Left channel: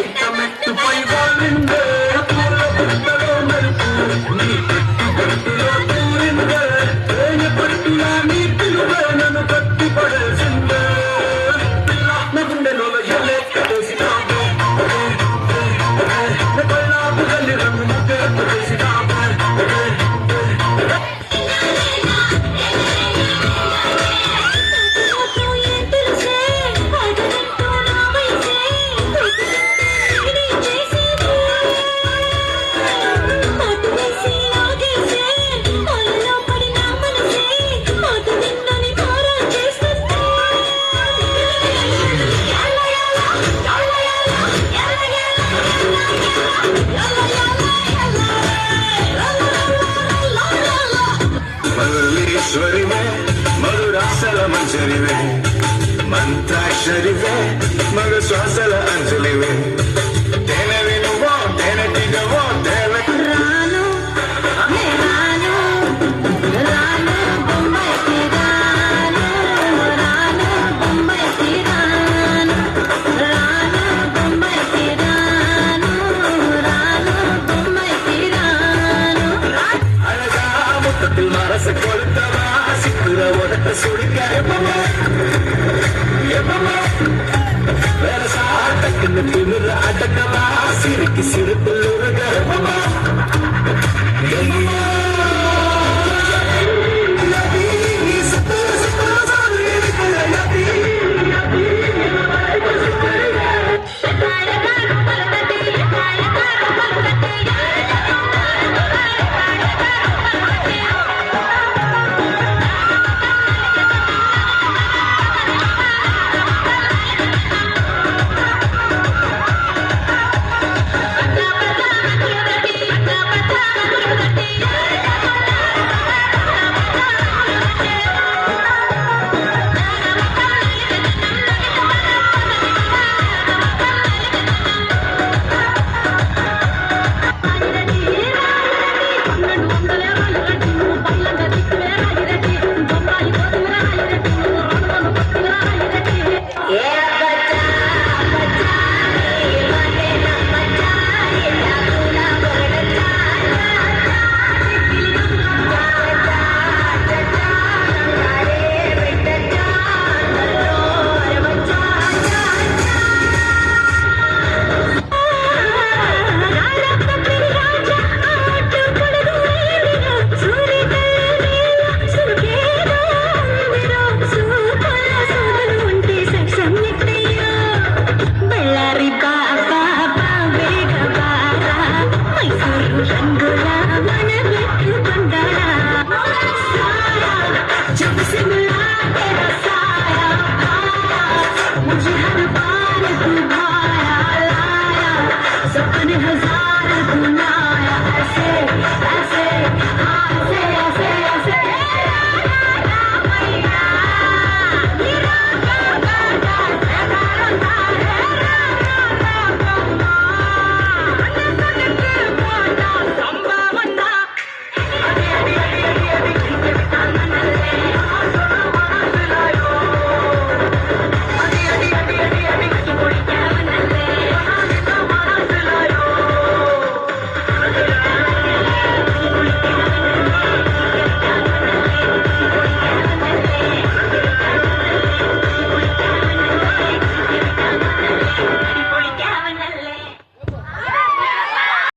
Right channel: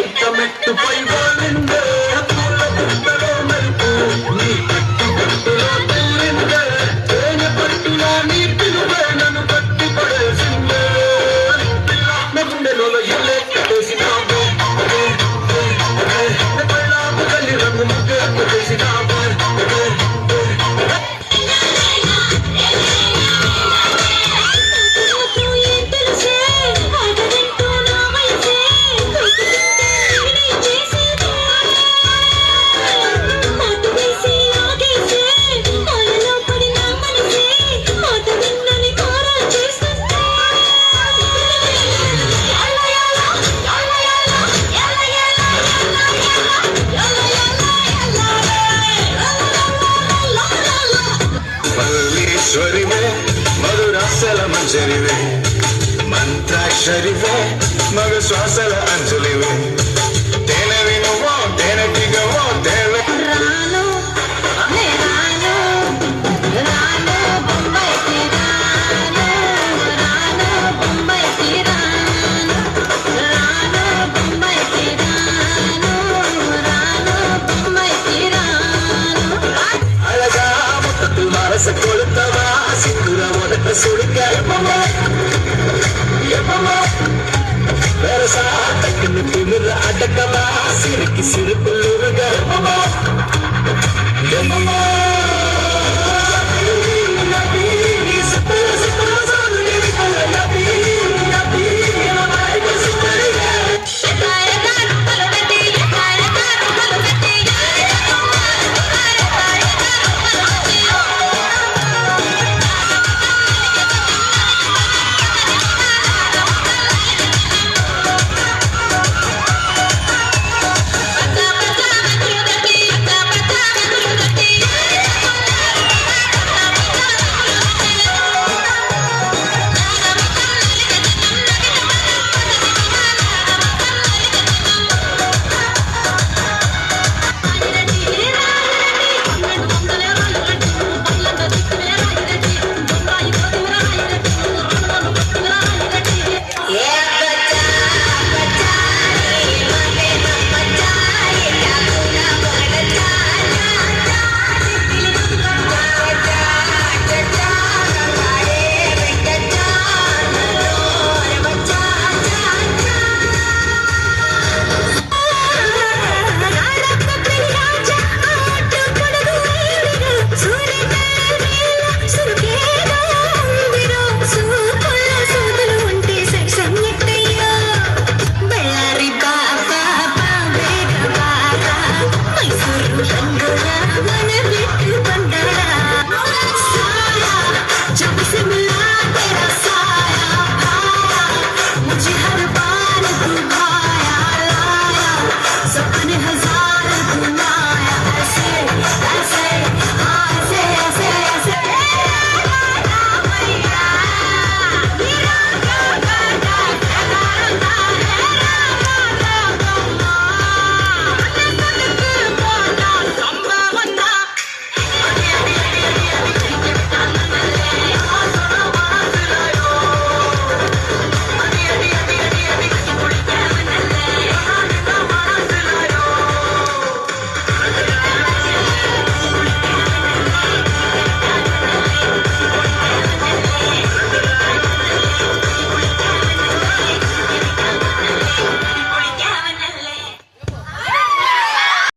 ഐറ്റമെട്ട് പൈവാളിന്റെ പുറത്തുണ്ടോ മരിപ്പൂ നീ കെട്ടുകെട്ടിലെ പട്ടിയാ നീ പിന്നുവേനു കട്ടിപ്പടേസിന്റെ നഗുണ്ടല്ലോ എല്ലേ കടേസിനാബേ നഗളാബ് കല്ലിറങ്ങു മക്ക കടേസിനാബേ मल्लीश्वरिवे मधुरासलम जरिवे मंत्राक्षरिवे मग श्वासल अंजलिवे तेने विनुवा तेने टिगवा तेने रानो रानो रानो बम्बई की रानो रानो बम्बई की रानो रानो बम्बई की रानो रानो बम्बई की रानो अलगा मुत्तु मारस कोलतवा सिंदूर वरत सुड़का Versa, takkan tulur adakaba, sirik sirik tulur garbaba.